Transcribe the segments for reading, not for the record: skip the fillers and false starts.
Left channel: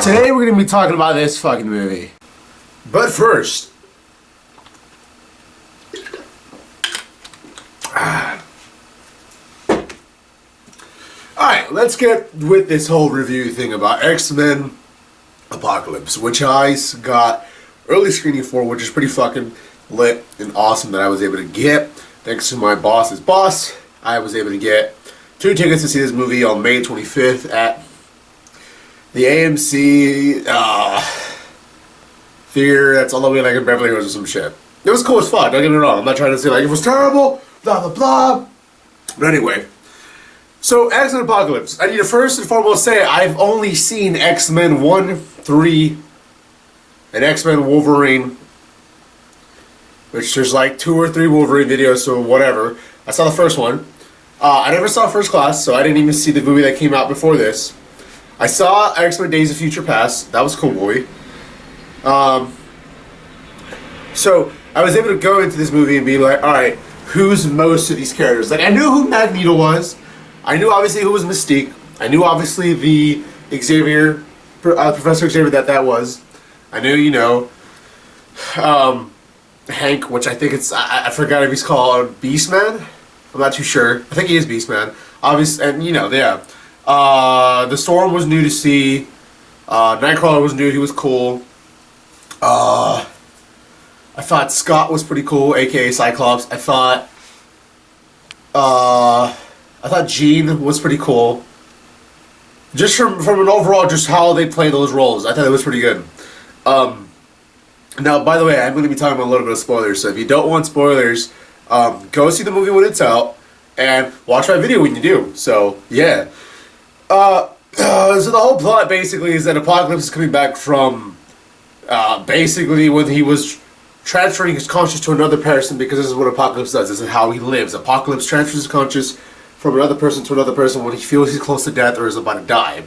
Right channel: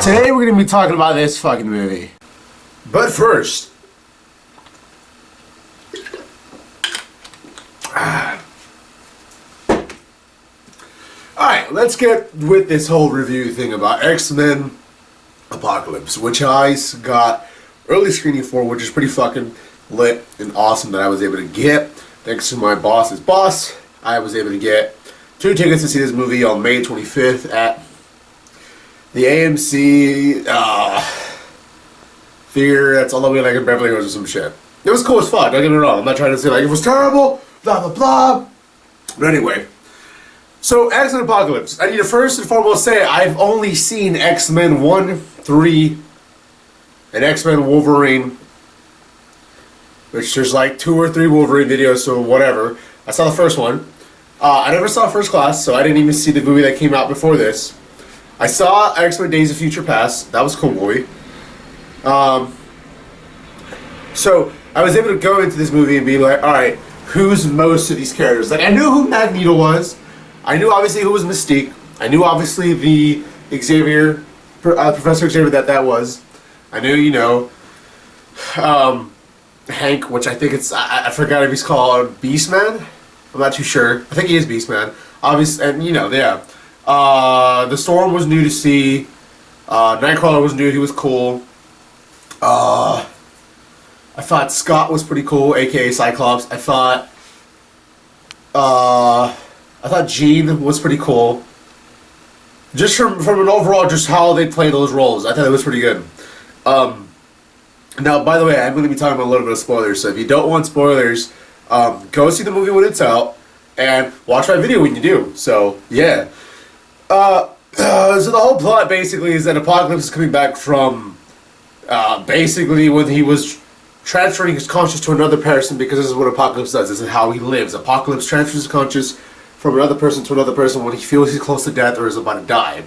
Today we're going to be talking about this fucking movie. But first, alright, let's get with this whole review thing about X-Men Apocalypse, which I got early screening for, which is pretty fucking lit and awesome that I was able to get. Thanks to my boss's boss, I was able to get 2 tickets to see this movie on May 25th at the AMC theater that's all the way like in Beverly Hills or some shit. It was cool as fuck, don't get me wrong. I'm not trying to say like it was terrible, blah blah blah. But anyway, so X-Men Apocalypse. I need to first and foremost say I've only seen X-Men 1, 3, and X-Men Wolverine, which there's like 2 or 3 Wolverine videos, so whatever. I saw the first one. I never saw First Class, so I didn't even see the movie that came out before this. I saw X-Men Days of Future Past. That was a cool movie. So I was able to go into this movie and be like, alright, who's most of these characters? Like, I knew who Magneto was. I knew obviously who was Mystique. I knew obviously the Xavier, Professor Xavier that was. I knew, you know, Hank, which I think it's, I forgot if he's called Beastman. I'm not too sure. I think he is Beastman. Obviously, and you know, yeah. The Storm was new to see. Nightcrawler was new. He was cool. I thought Scott was pretty cool, aka Cyclops. I thought Jean was pretty cool. Just from an overall, just how they play those roles, I thought it was pretty good. Now, by the way, I'm going to be talking about a little bit of spoilers. So if you don't want spoilers, go see the movie when it's out and watch my video when you do. So yeah. So the whole plot basically is that Apocalypse is coming back from basically when he was transferring his conscious to another person, because this is what Apocalypse does. This is how he lives. Apocalypse transfers his conscious from another person to another person when he feels he's close to death or is about to die.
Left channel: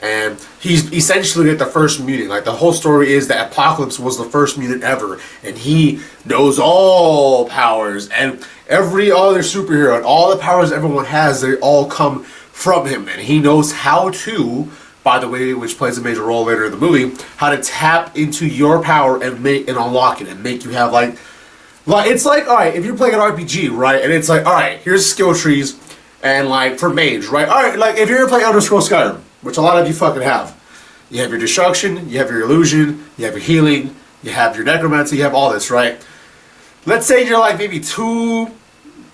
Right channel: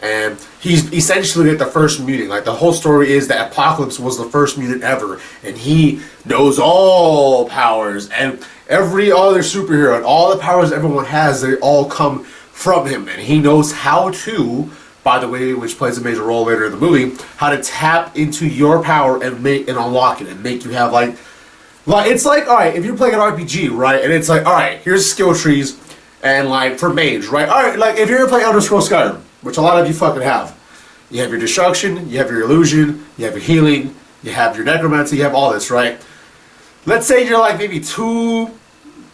And he's essentially like the first mutant. Like, the whole story is that Apocalypse was the first mutant ever, and he knows all powers and every other superhero and all the powers everyone has, they all come from him, and he knows how to, by the way, which plays a major role later in the movie, how to tap into your power and make and unlock it and make you have like it's like, alright, if you're playing an RPG, right, and it's like, alright, here's skill trees, and like for mage, right, alright, like if you're playing Elder Scrolls Skyrim, which a lot of you fucking have, you have your destruction, you have your illusion, you have your healing, you have your necromancy, you have all this, right? Let's say you're like maybe 2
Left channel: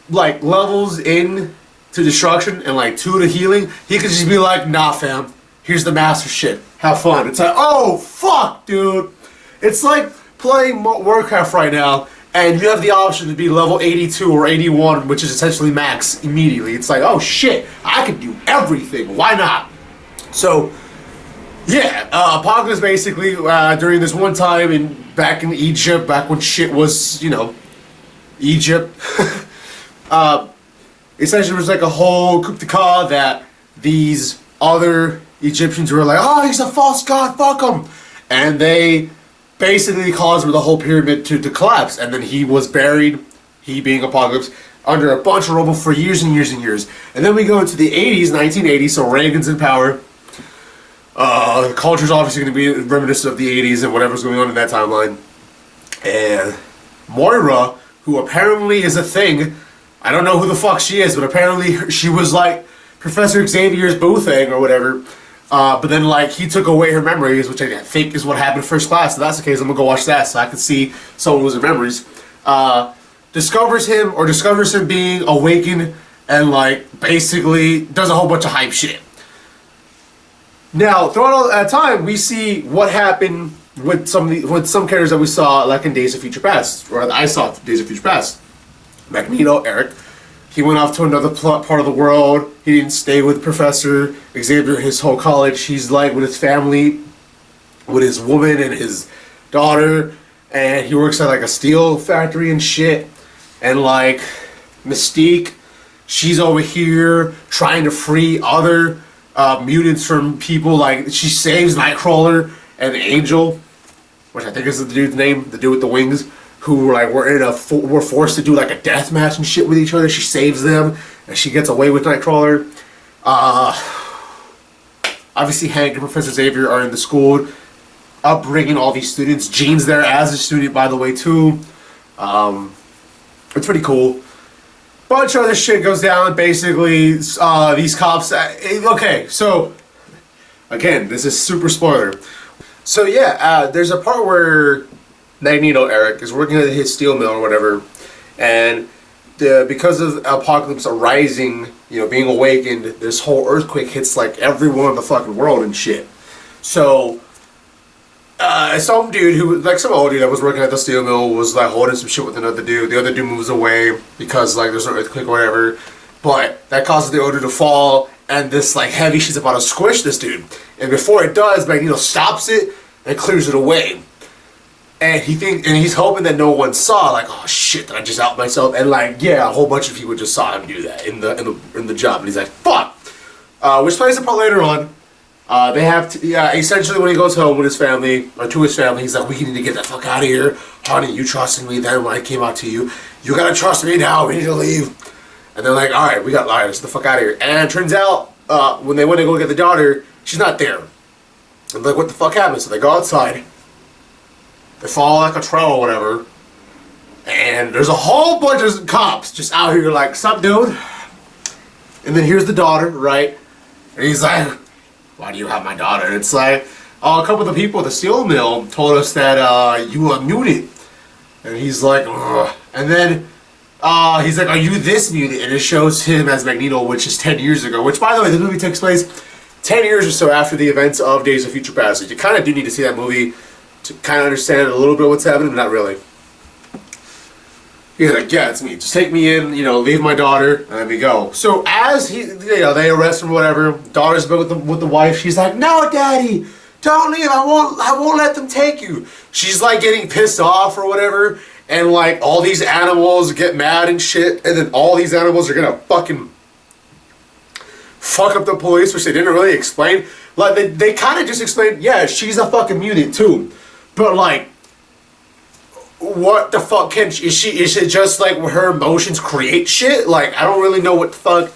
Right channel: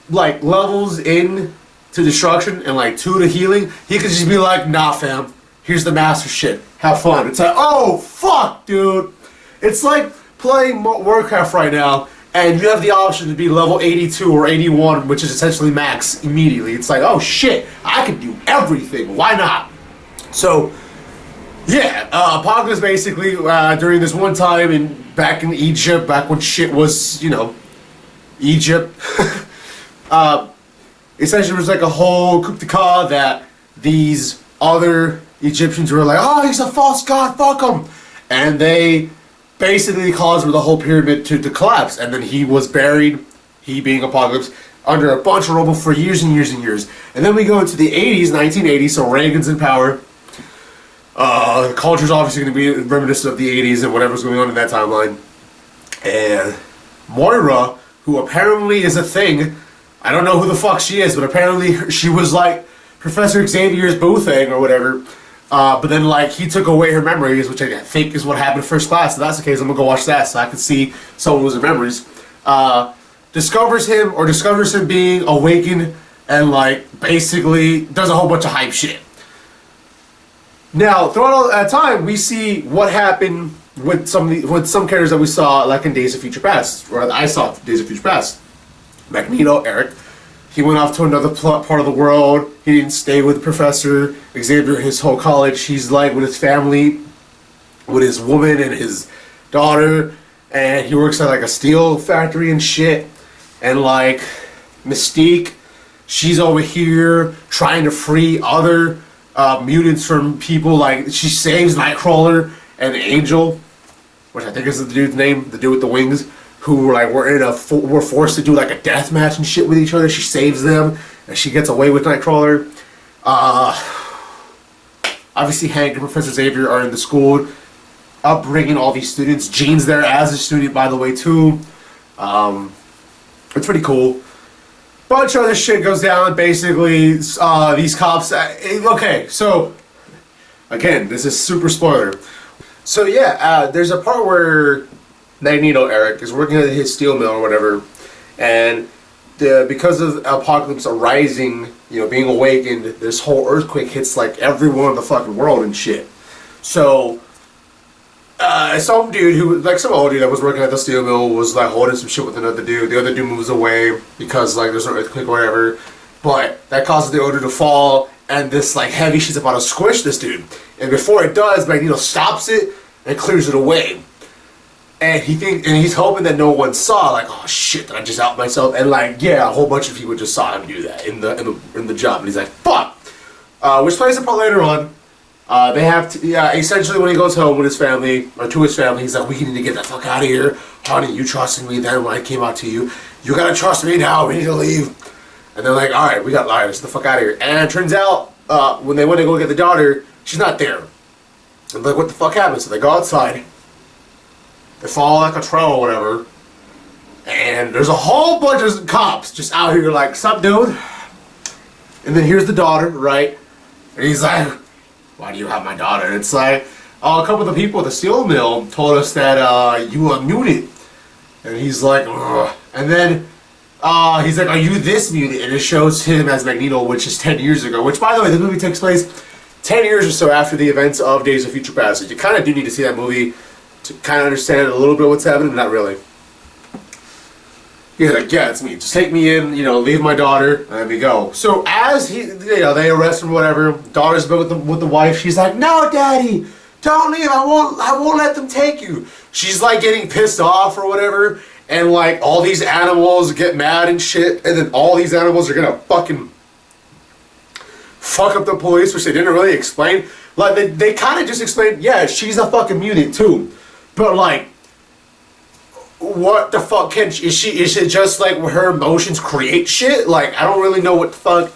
like levels in to destruction and like 2 to healing. He could just be like, nah fam, here's the master shit, have fun. It's like, oh fuck dude, it's like playing Warcraft right now and you have the option to be level 82 or 81, which is essentially max immediately. It's like, oh shit, I can do everything, why not? So yeah, Apocalypse basically during this one time back in Egypt, back when shit was, you know, Egypt, essentially it was like a whole coup d'etat that these other Egyptians were like, oh, he's a false god, fuck him. And they basically caused the whole pyramid to collapse. And then he was buried, he being Apocalypse, under a bunch of rubble for years and years and years. And then we go into the 80s, 1980s, so Reagan's in power. The culture's obviously going to be reminiscent of the 80s and whatever's going on in that timeline. And Moira, who apparently is a thing, I don't know who the fuck she is, but apparently she was like Professor Xavier's boo thing or whatever. But then like he took away her memories, which I think is what happened in First Class. If that's the case, I'm gonna go watch that so I can see someone losing memories. Discovers him being awakened and like basically does a whole bunch of hype shit. Now, throughout all that time, we see what happened with some characters that we saw like in Days of Future Past, or I saw Days of Future Past. Magneto, Eric, he went off to another part of the world. He didn't stay with Professor Xavier his whole college. He's like with his family, with his woman and his daughter, and he works at like a steel factory and shit. And like Mystique, she's over here trying to free other mutants from people. Like she saves Nightcrawler and Angel, which I think is the dude's name, the dude with the wings, who were forced to do like a death match and shit with each other. She saves them and she gets away with Nightcrawler. Obviously, Hank and Professor Xavier are in the school, upbringing all these students. Jean's there as a student, by the way, too. It's pretty cool. Bunch of other shit goes down. Basically, these cops. Okay, so again, this is super spoiler. So yeah, there's a part where Magneto Eric is working at his steel mill or whatever, and because of apocalypse arising, you know, being awakened, this whole earthquake hits like everyone in the fucking world and shit. So some dude who, like some old dude that was working at the steel mill was like holding some shit with another dude. The other dude moves away because like there's an earthquake or whatever, but that causes the other dude to fall, and this like heavy shit's about to squish this dude. And before it does, Magneto stops it and clears it away. And he's hoping that no one saw, like, oh shit, did I just out myself? And like, yeah, a whole bunch of people just saw him do that in the job, and he's like, fuck. Which plays a part later on. They have to, essentially when he goes home with his family, or to his family, he's like, we need to get the fuck out of here. Honey, you trusted me then when I came out to you. You gotta trust me now, we need to leave. And they're like, alright, we got liars, let's get the fuck out of here. And it turns out, when they went to go get the daughter, she's not there. And like, what the fuck happened? So they go outside. They follow like a trail or whatever. And there's a whole bunch of cops just out here like, sup dude? And then here's the daughter, right? And he's like, why do you have my daughter? And it's like, oh, a couple of the people at the steel mill told us that you were muted. And he's like, ugh. And then he's like, are you this muted? And it shows him as Magneto, which is 10 years ago. Which, by the way, the movie takes place 10 years or so after the events of Days of Future Past. You kind of do need to see that movie to kind of understand a little bit what's happening, but not really. He's like, yeah, it's me. Just take me in, you know, leave my daughter, and let me go. So as they arrest him, whatever. Daughter's been with the wife. She's like, no, daddy, don't leave. I won't let them take you. She's like getting pissed off or whatever, and like all these animals get mad and shit, and then all these animals are gonna fucking fuck up the police, which they didn't really explain. Like they kind of just explained, yeah, she's a fucking mutant too. But like, what the fuck is it just like her emotions create shit? Like, I don't really know what the fuck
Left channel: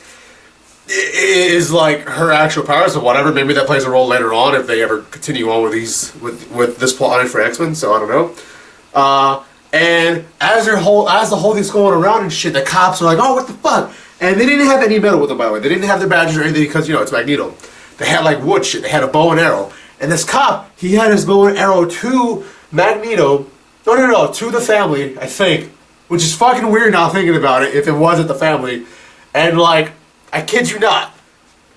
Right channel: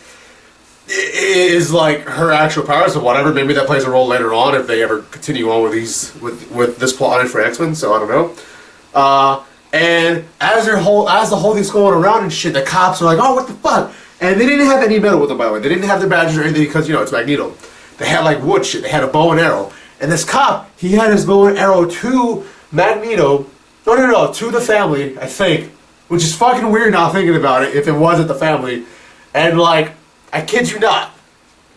is like her actual powers or whatever. Maybe that plays a role later on if they ever continue on with this plot for X-Men, so I don't know. And as the whole thing's going around and shit, the cops are like, oh, what the fuck? And they didn't have any metal with them, by the way. They didn't have their badges or anything because, you know, it's Magneto. They had like wood shit. They had a bow and arrow. And this cop, he had his bow and arrow to Magneto. No, to the family, I think. Which is fucking weird now thinking about it, if it wasn't the family. And like, I kid you not.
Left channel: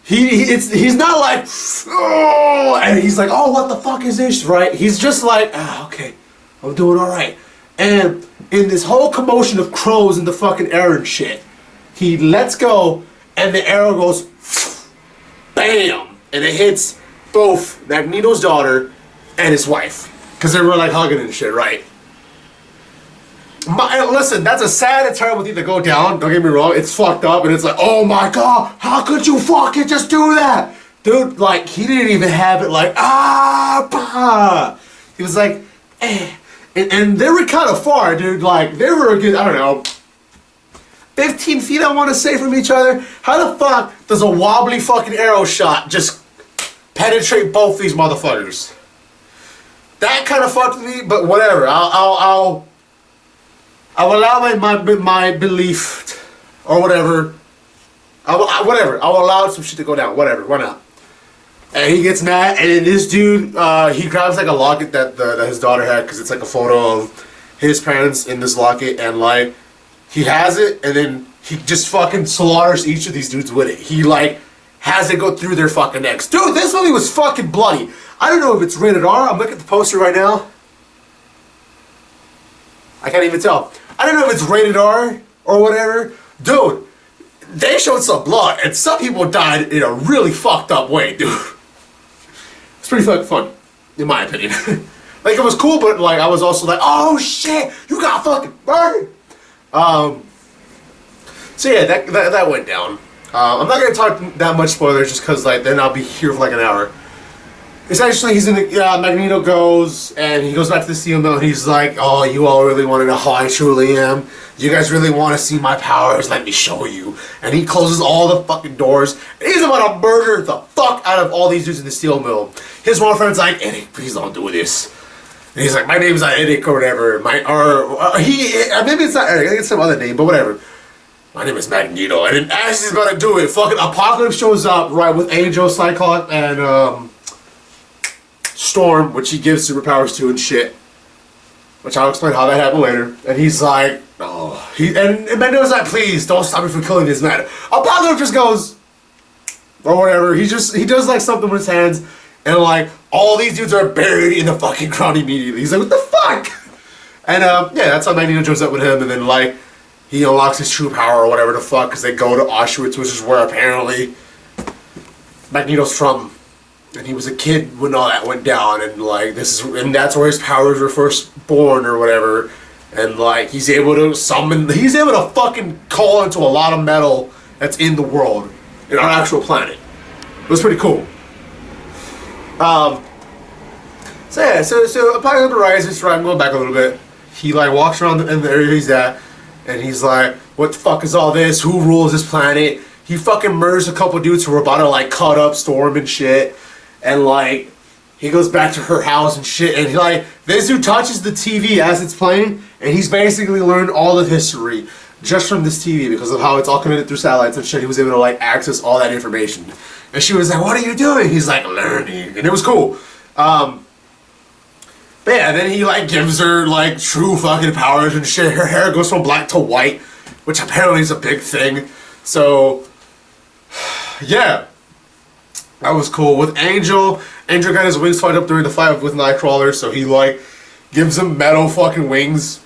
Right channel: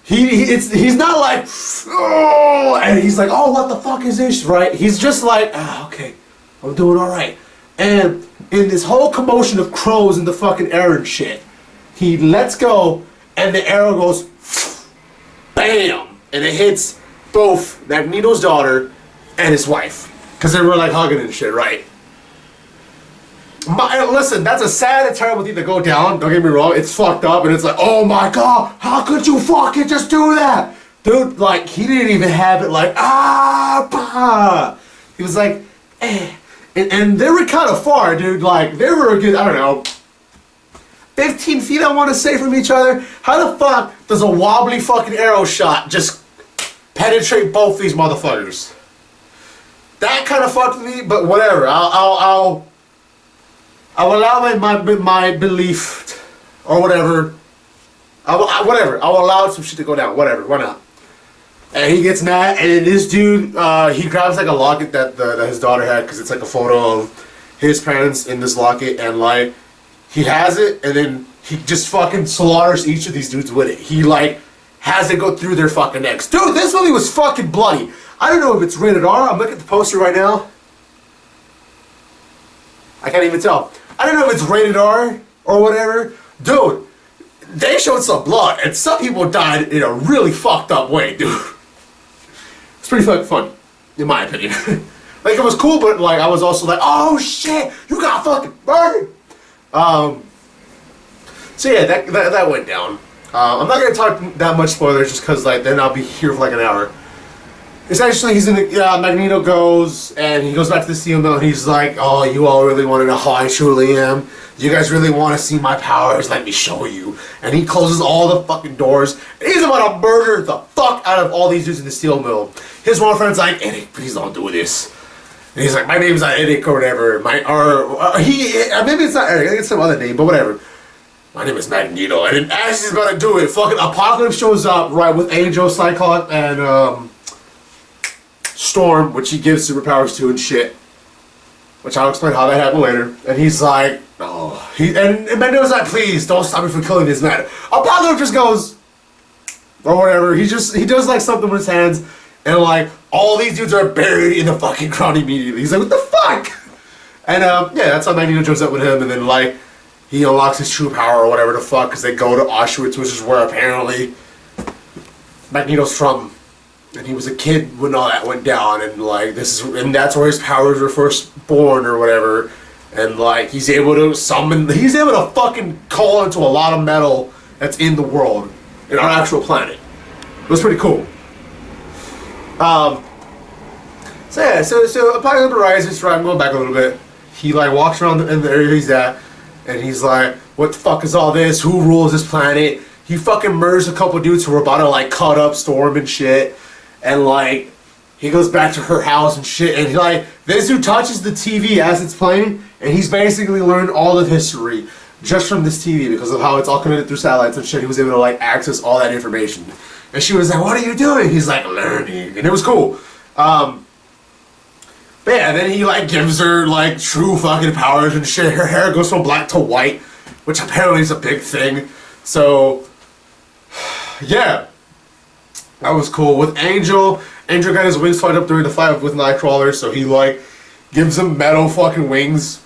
He's not like, oh, and he's like, oh, what the fuck is this, right? He's just like, okay, I'm doing alright. And in this whole commotion of crows and the fucking air and shit, he lets go, and the arrow goes, bam! And it hits both Magneto's daughter and his wife. Because they were like hugging and shit, right? Listen, that's a sad and terrible thing to go down. Don't get me wrong, it's fucked up, and it's like, oh my god, how could you fucking just do that? Dude, like, he didn't even have it like, bah. He was like, eh. And they were kind of far, dude. Like, they were a good, I don't know, 15 feet, I want to say, from each other. How the fuck does a wobbly fucking arrow shot just penetrate both these motherfuckers? That kind of fucked me, but whatever. I'll allow my belief or whatever. Whatever. I'll allow some shit to go down. Whatever. Why not? And he gets mad, and then this dude, he grabs like a locket that his daughter had, because it's like a photo of his parents in this locket, and like, he has it, and then he just fucking slaughters each of these dudes with it. He like has it go through their fucking necks. Dude, this movie was fucking bloody. I don't know if it's rated R. I'm looking at the poster right now. I can't even tell. I don't know if it's rated R or whatever. Dude, they showed some blood, and some people died in a really fucked up way, dude. It's pretty fucking fun, in my opinion. Like, it was cool, but like, I was also like, oh shit, you got fucking burned. So yeah, that went down. I'm not gonna talk that much spoilers, just cause like then I'll be here for like an hour. essentially, he's in the Magneto goes and he goes back to the steel mill and he's like, "Oh, you all really want to know how I truly am? You guys really want to see my powers? Let me show you." And he closes all the fucking doors and he's about to murder the fuck out of all these dudes in the steel mill. His one friend's like, "Eric, please don't do this." And he's like, "My name's not Eric or whatever. Maybe it's not Eric. I think it's some other name, but whatever. My name is Magneto." And then as he's about to do it, fucking Apocalypse shows up, right, with Angel, Cyclops, and Storm, which he gives superpowers to and shit. Which I'll explain how that happened later. And he's like, oh. And Magneto's like, "Please, don't stop me from killing this man." Apocalypse just goes, or whatever. He does like something with his hands, and like, all these dudes are buried in the fucking ground immediately. He's like, "What the fuck?" And yeah, that's how Magneto joins up with him, and then like, he unlocks his true power or whatever the fuck, because they go to Auschwitz, which is where apparently Magneto's from. And he was a kid when all that went down, and like and that's where his powers were first born or whatever. And like he's able to fucking call into a lot of metal that's in the world, in our actual planet. It was pretty cool. So yeah, so Apocalypse rises, right? I'm going back a little bit. He like walks around in the area he's at, and he's like, "What the fuck is all this? Who rules this planet?" He fucking murders a couple dudes who were about to like cut up Storm and shit. And like, he goes back to her house and shit, and like, this dude touches the TV as it's playing, and he's basically learned all of history just from this TV because of how it's all connected through satellites and shit. He was able to like access all that information. And she was like, "What are you doing?" He's like, "Learning." And it was cool. But yeah, then he like gives her like true fucking powers and shit. Her hair goes from black to white, which apparently is a big thing. So, yeah. That was cool. With Angel got his wings fired up during the fight with Nightcrawler, so he like gives him metal fucking wings.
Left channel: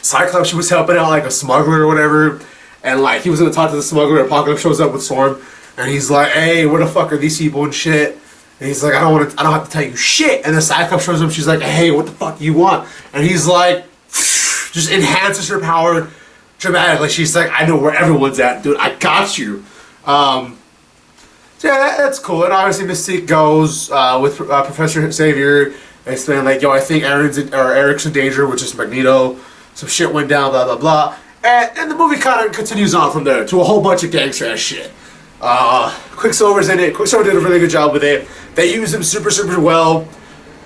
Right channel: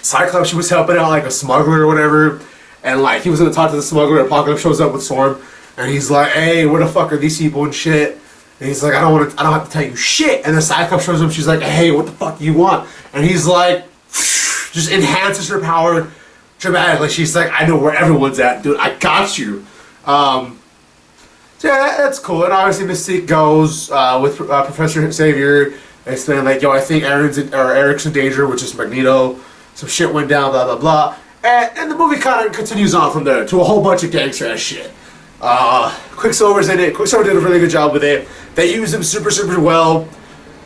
Cyclops, she was helping out like a smuggler or whatever, and like he was gonna talk to the smuggler. Apocalypse shows up with Storm, and he's like, "Hey, where the fuck are these people and shit?" And he's like, I don't have to tell you shit." And then Cyclops shows up. She's like, "Hey, what the fuck do you want?" And he's like, just enhances her power dramatically. She's like, "I know where everyone's at, dude. I got you." So yeah, that's cool. And obviously Mystique goes with Professor Xavier and explaining like, "Yo, I think Eric's in danger," which is Magneto. Some shit went down, blah blah blah. And the movie kind of continues on from there to a whole bunch of gangster ass shit. Quicksilver's in it. Quicksilver did a really good job with it. They used him super well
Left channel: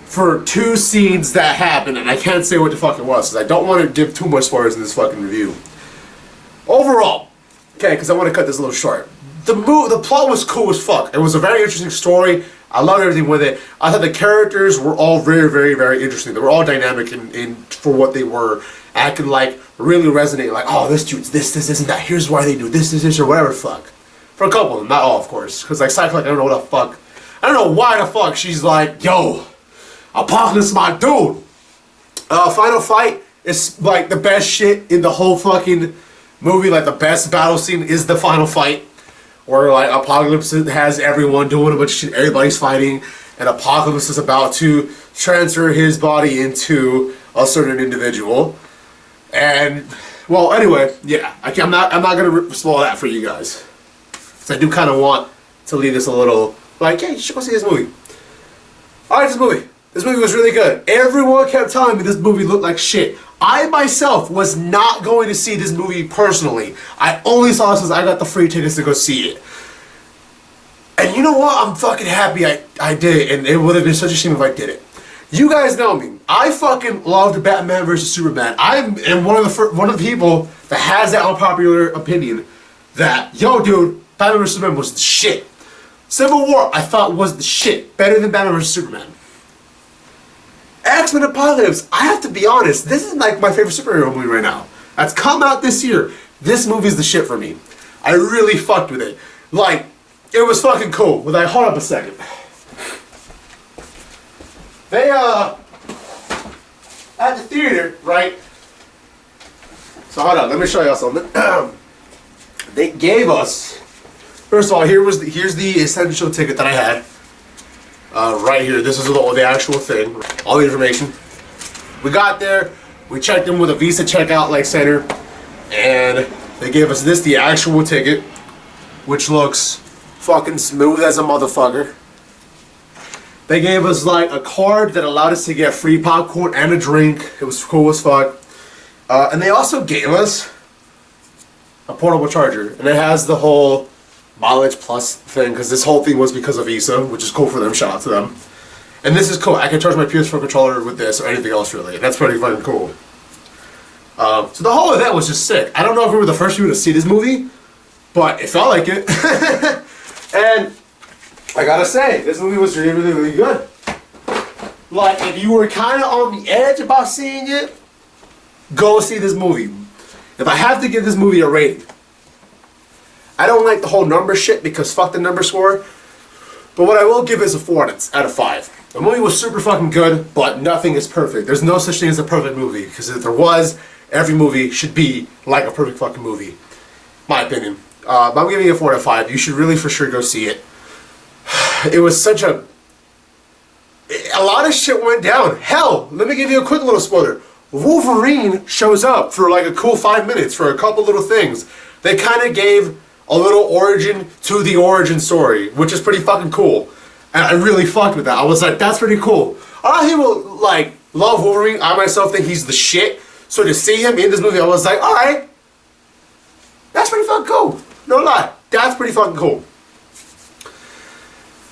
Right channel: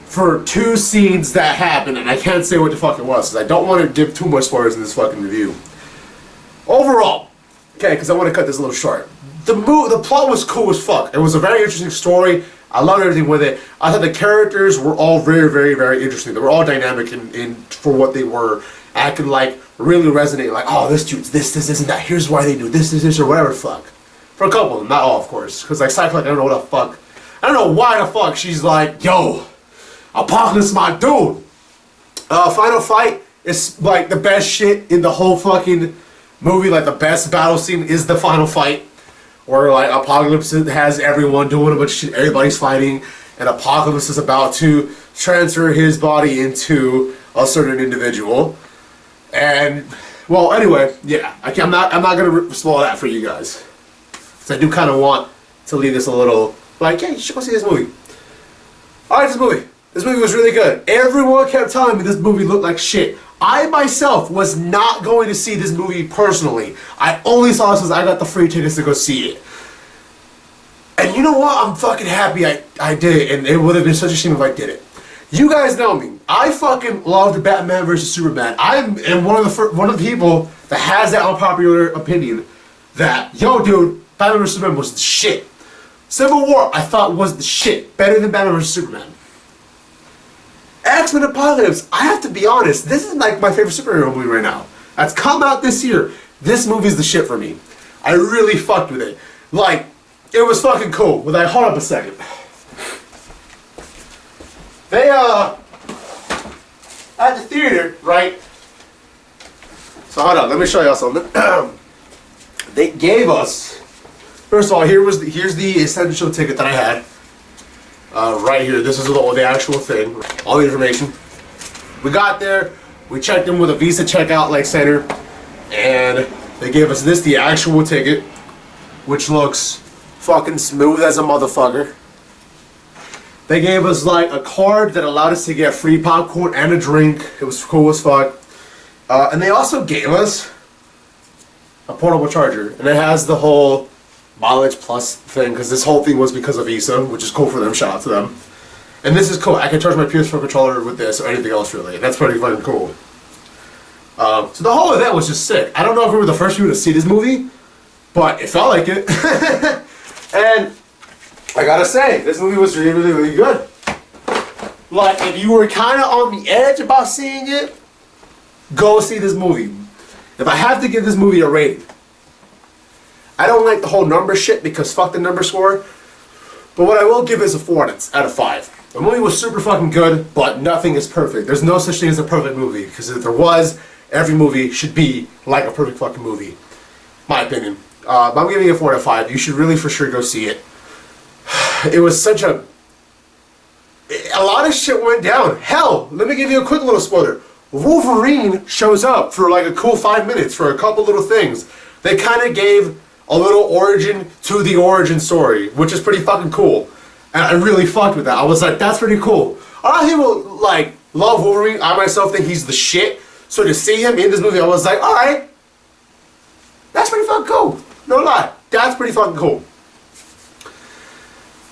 for 2 scenes that happened, and I can't say what the fuck it was because I don't want to give too much spoilers in this fucking review. Overall, okay, because I want to cut this a little short. The plot was cool as fuck. It was a very interesting story. I loved everything with it. I thought the characters were all very interesting. They were all dynamic in for what they were. And I could like really resonate. Like, "Oh, this dude's this, and that. Here's why they do this, or whatever the fuck." For a couple of them, not all, of course. Because like Cyclops, I don't know what the fuck. I don't know why the fuck she's like, "Yo, Apocalypse, my dude." Final fight is like the best shit in the whole fucking movie. Like the best battle scene is the final fight. Where like Apocalypse has everyone doing a bunch of shit, everybody's fighting, and Apocalypse is about to transfer his body into a certain individual. And well, anyway, yeah, I'm not gonna spoil that for you guys, because I do kind of want to leave this a little like, "Hey, you should go see this movie." Alright, this movie was really good. Everyone kept telling me this movie looked like shit. I myself was not going to see this movie personally. I only saw it since I got the free tickets to go see it. And you know what? I'm fucking happy I did it, and it would have been such a shame if I did it. You guys know me. I fucking loved Batman vs Superman. I am one of the people that has that unpopular opinion that, yo dude, Batman vs Superman was the shit. Civil War, I thought was the shit. Better than Batman vs Superman. X-Men Apocalypse, I have to be honest, this is like my favorite superhero movie right now. That's come out this year. This movie's the shit for me. I really fucked with it. Like, it was fucking cool. But like, hold up a second. They, at the theater, right? So hold on, let me show y'all something. They gave us, first of all, here's the essential ticket that I had. Right here, this is the actual thing, all the information. We got there, we checked in with a Visa checkout like center, and they gave us the actual ticket, which looks fucking smooth as a motherfucker. They gave us like a card that allowed us to get free popcorn and a drink. It was cool as fuck. And they also gave us a portable charger. And it has the whole mileage plus thing, because this whole thing was because of Visa, which is cool for them. Shout out to them. And this is cool. I can charge my PS4 controller with this or anything else really. And that's pretty fucking cool. So the whole event was just sick. I don't know if we were the first people to see this movie, but it felt like it. And I gotta say, this movie was really, really, really good. Like, if you were kind of on the edge about seeing it, go see this movie. If I have to give this movie a rating, I don't like the whole number shit because fuck the number score. But what I will give is a 4 out of 5. The movie was super fucking good, but nothing is perfect. There's no such thing as a perfect movie, because if there was, every movie should be like a perfect fucking movie. My opinion. But I'm giving it a 4 out of 5. You should really for sure go see it. It was such a lot of shit went down. Hell, let me give you a quick little spoiler. Wolverine shows up for like a cool 5 minutes for a couple little things. They kind of gave a little origin to the origin story, which is pretty fucking cool. And I really fucked with that. I was like, that's pretty cool. A lot of people like love Wolverine. I myself think he's the shit. So to see him in this movie, I was like, alright, that's pretty fucking cool. No lie, that's pretty fucking cool.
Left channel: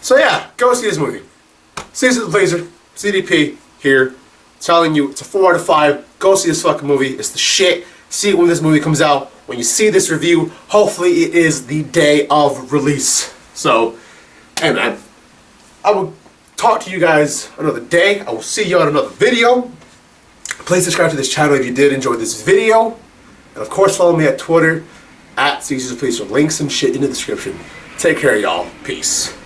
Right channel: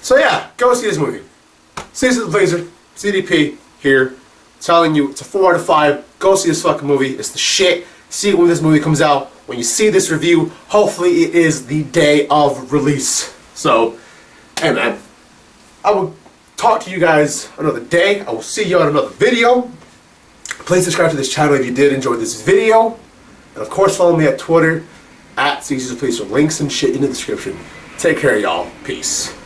So yeah, go see this movie. CezrDaPleazr, CDP here, telling you it's a 4 out of 5. Go see this fucking movie. It's the shit. See it when this movie comes out. When you see this review, hopefully it is the day of release. So, hey man, I will talk to you guys another day. I will see you on another video. Please subscribe to this channel if you did enjoy this video. And of course follow me at Twitter, at CezrDaPleazr. Links and shit in the description. Take care y'all. Peace.